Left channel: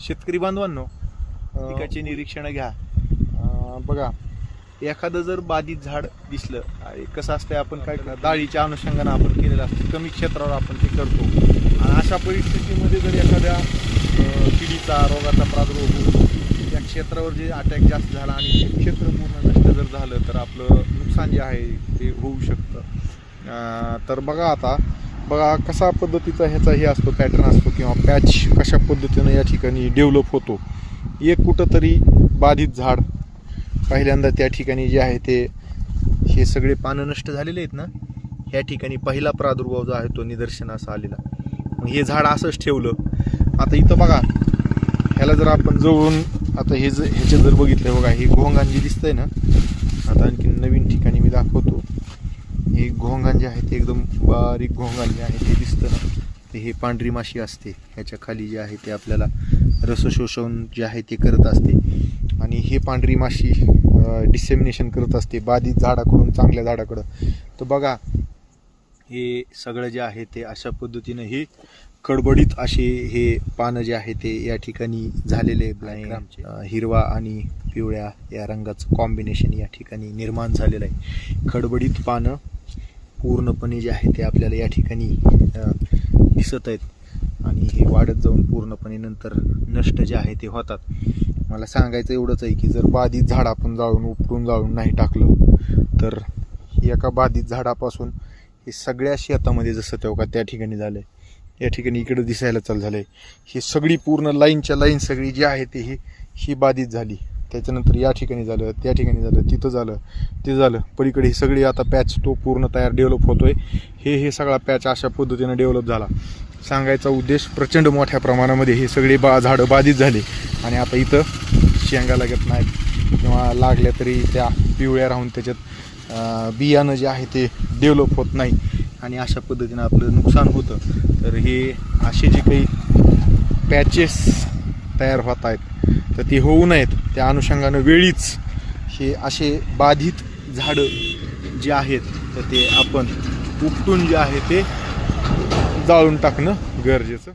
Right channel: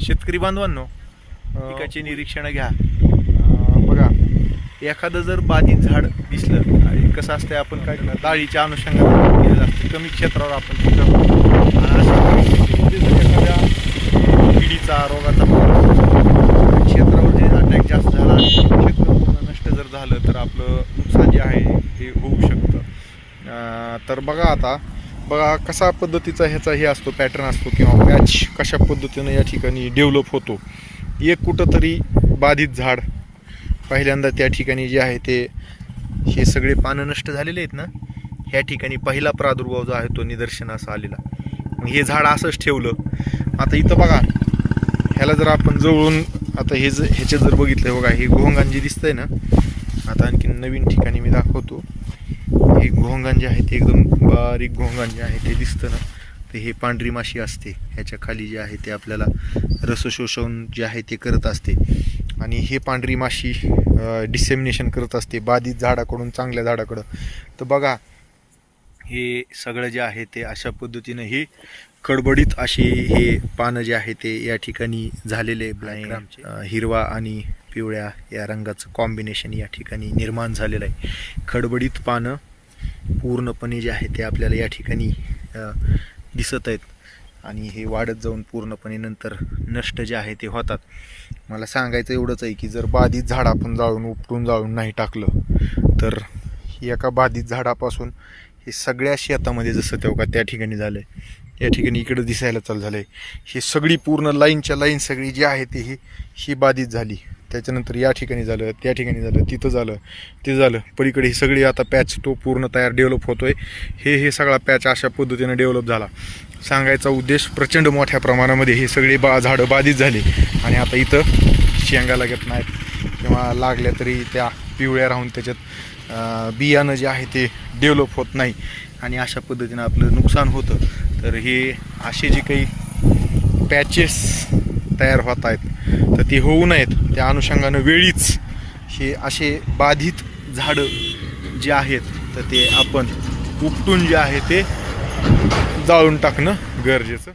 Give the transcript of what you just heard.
शेतकरी बांधवांनो, पिकाचे निरीक्षण घ्या. बघा, एखादं जर बाधित झाड दिसलं, आणि कसं असतं आपण काय डाळीच्या अनुषंगाने आपण केलेलं असतं, कमी क्षेत्रावर आपण ते करतो. आणि अशा परिस्थितीमध्ये जर एखाद्या किडीचा रोगाचा प्रादुर्भाव क्षेत्रावर जे अटॅक जास्त झाला आणि क्षेत्र पूर्ण नष्ट जर झालं तर आपलं नुकसान जे आहे ते होऊ शकतं. तर बघा कशा पद्धतीचा ह्याचा हे असतो, पॅटर्न असतो किंवा पॅच कशा पद्धतीनं या ठिकाणी डेव्हलप होतो. एक कुठंतरी बाधित झाड पहिल्यांदा त्या ठिकाणी जे आहे ते हे सगळे पानं नष्ट झालेले आहेत ना, ह्या ठिकाणी पहिला प्रादुर्भाव जो आहे तो निदर्शनास आलेला. मग हे झाड असंच ठेवलं. आता इथं बघा, ह्याला जर आपण जवळून आता ह्याचे जर बघितलं, बघा हे घोंगान जे दिसतंय ना, आता आणखी नवीन ठिकाणी मी दाखवतो. हे घोंगान जे आहे ते एकदम बारीक घोंगान जे आहे ते दिसतं ना, तर हे पांढरी माशी असते. ह्याच्या खाली जे आहे ते आपल्याला रसशोषण जे आहे ते करत असते आणि हे पांढरी माशी डिसेमिनेशन करत असते बाधित झाडाकडून चांगल्या झाडाकडं. तर बघा, हे सगळं जे आहे ते अशा पद्धतीनं हे कडबडीत असे हे पानं जे आहे ते या ठिकाणी झालेले ब्लॅक हिरवा आणि पिवळ्या या रंगाचं कॉम्बिनेशन या ठिकाणी निर्माण झालेलं आहे. खडबडीत पानं पूर्णपणे जे आहे ते आपल्याला या ठिकाणी दिसत आहेत आणि हे वाढत जाऊन पूर्णपणे नंतर नष्ट जे आहे ते होतात. मला सांगायचं एवढंच आहे की जर बाधित झाड आपण उपटून जाळून नाही टाकलं तर एका बाधित झाडापासून हे सगळ्या शेतामध्ये जसं तेव्हा त्या ठिकाणी झालं आहे, या ठिकाणी इकडं दिसायला चालू झालं आहे. हे सगळी पूर्ण लाईनच्या लाईन सगळी जी आहे ते ही बाधित झाली. त्याच्यानंतर या ठिकाणी झालं, त्या ठिकाणी झालं, तिथं झालं, ते झालं, पलीकडे ही सगळी आता पॅच तो पूर्ण तयार डेव्हलप होतो आहे. हे सगळा पॅच अशा पद्धतीनं डेव्हलप झाला. सांगायचा उद्देश, प्रचंड मोठ्या प्रमाणामध्ये हे सगळे झाडं बाधित झाले आणि आता इथं शेंगा लागत नाहीत किंवा लागल्या तरी त्या पिवळ्या राहून त्याच्यात बियाणं जे आहे ते डेव्हलप होत नाही आणि अशा पद्धतीनं आपलं नुकसान होतं. तर हे असे जे काही पॅचेस तयार होत आहेत तर ते होऊ नयेत, त्या अनुषंगानं वेळीच हे असे बाधित झाडं जे आहेत तर ते आपण उपटून जे आहे ते जाळून टाकणं गरजेचं.